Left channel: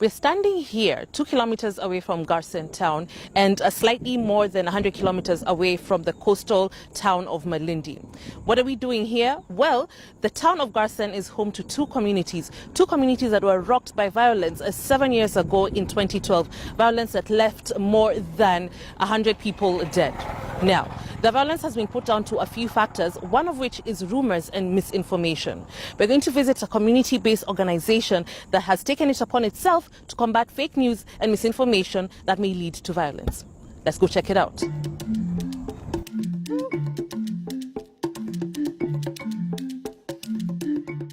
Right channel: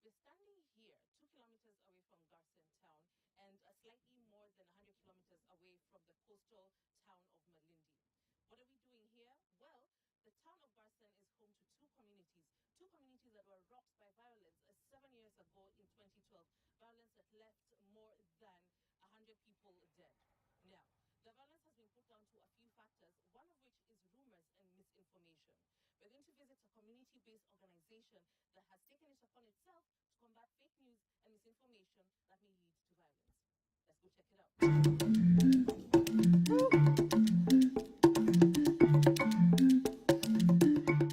We're standing here 2 kilometers away from Garsen town and slightly more than 100 kilometers away from the coastal town of Malindi. What are we doing here? Well, the town of Garsen is home to two communities that were rocked by violence 7 years ago in 2012, violence that left more than 100 people dead. Now, the violence has been put down to a few factors, one of which is rumors and misinformation. We're going to visit a community-based organization that has taken it upon itself to combat fake news and misinformation that may lead to violence. Let's go check it out.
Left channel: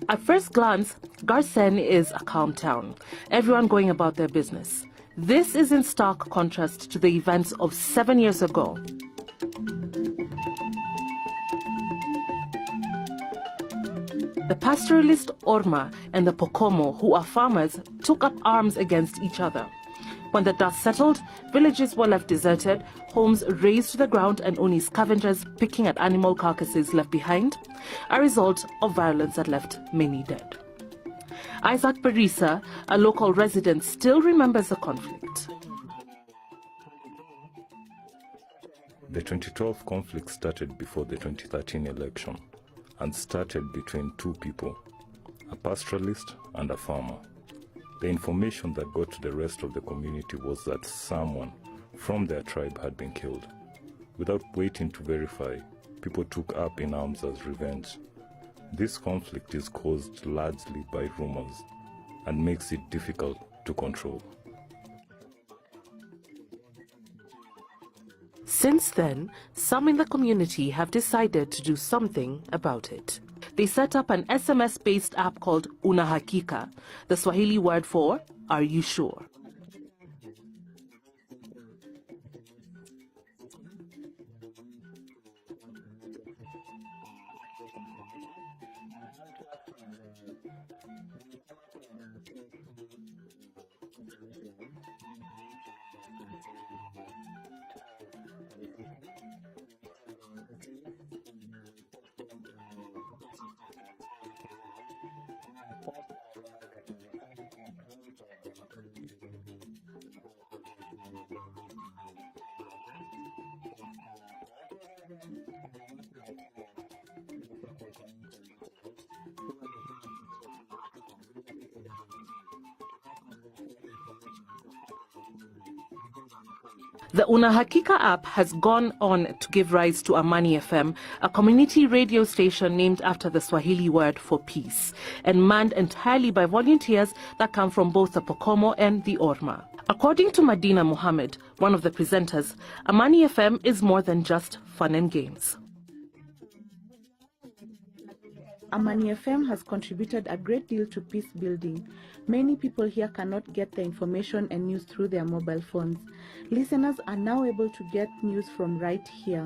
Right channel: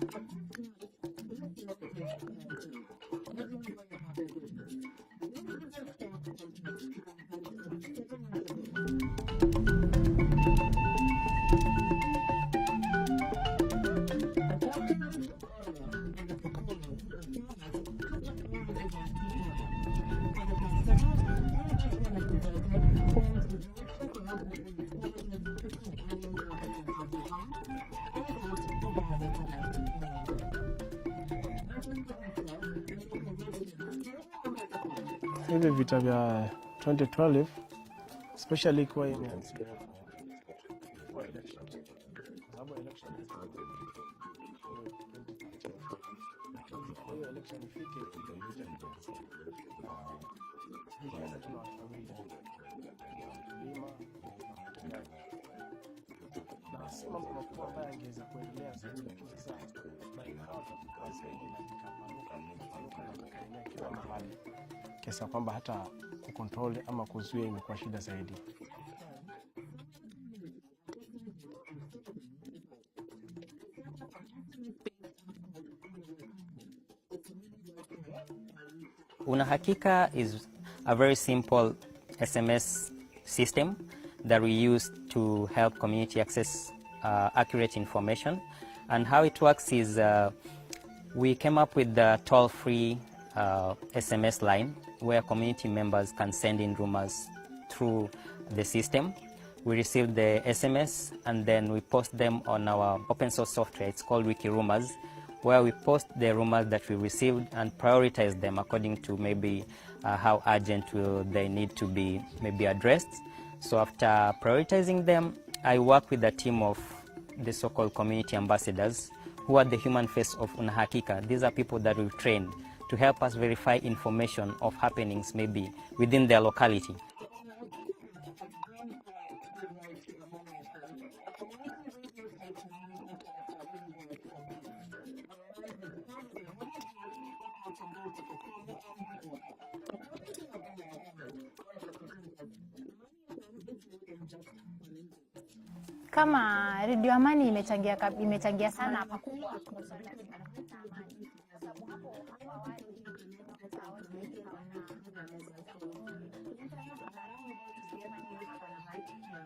At first glance, Garsen is a calm town, everyone going about their business. This is in stark contrast to the events of 7 years ago. The pastoralist Orma and the Pokomo, who are farmers, took up arms against each other. When the dust settled, villages were left deserted, homes razed to the ground, and only scavengers picking at animal carcasses left behind, a result of violence that left many dead. Isaac Barisa, a local resident, still remembers the conflict. The 2012 conflict started before the 2013 election and started between two people, a pastoralist and a farmer. The information that got to the rest of the community was that someone from their tribe had been killed. Without waiting to verify, people took up in arms as revenge. This conflict is caused largely by rumors and makes it difficult to control. Since then, some in the community have decided to do something about it. They set up an SMS-based app called Unahakika, the Swahili word for "Are you sure?" Unahakika is a very simple SMS system that we use to help community access accurate information. And how it works is we came up with the toll-free SMS line where community members can send in rumors through the system. We receive the SMS and then we post them on our open source software. It's called Wiki Rumors, where we post the rumors that we received and prioritize them according to maybe how urgent will they need to be maybe addressed. So after prioritizing them, I work with a team of the so-called community ambassadors who are the human face of Unahakika. These are people that we've trained to help us verify information of happenings maybe within their locality. The Unahakika app has gone on to give rise to Amani FM, a community radio station named after the Swahili word for peace, and manned entirely by volunteers that come from both the Pokomo and the Orma. According to Madina Muhammad, one of the presenters, Amani FM is more than just fun and games. Amani FM has contributed a great deal to peace building. Many people here cannot get the information and news through their mobile phones. Listeners are now able to get news from right here.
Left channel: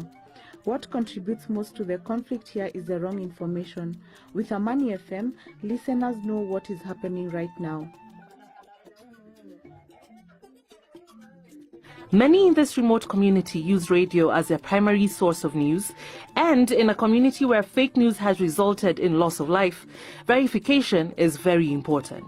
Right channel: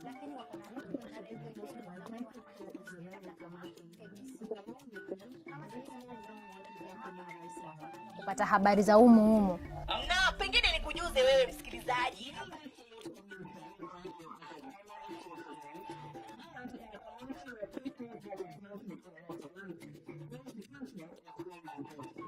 What contributes most to the conflict here is the wrong information. With Amani FM, listeners know what is happening right now. Many in this remote community use radio as their primary source of news, and in a community where fake news has resulted in loss of life, verification is very important.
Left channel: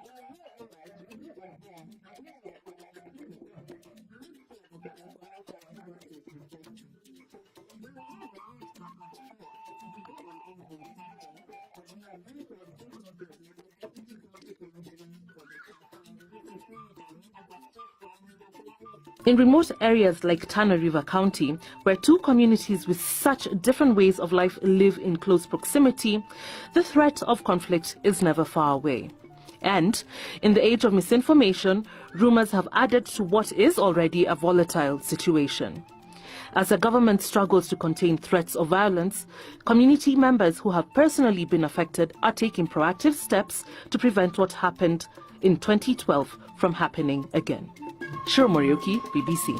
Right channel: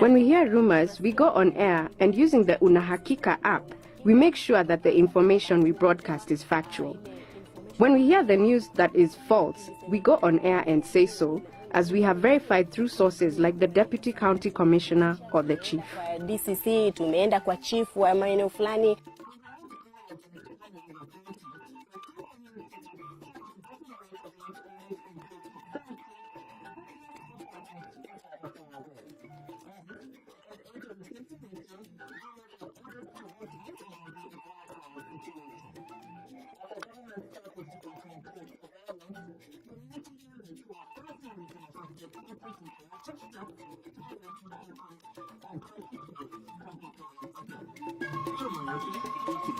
When we hear rumors, we go on air, and using the Unahakika app, we make sure that the information we broadcast is factual. When we hear the news that is false, we go on air and say so, as we have verified through sources like the Deputy County Commissioner or the Chief. In remote areas like Tana River County, where two communities with such different ways of life live in close proximity, the threat of conflict is never far away. And in the age of misinformation, rumors have added to what is already a volatile situation. As the government struggles to contain threats of violence, community members who have personally been affected are taking proactive steps to prevent what happened in 2012 from happening again. Shiro Morioki, BBC.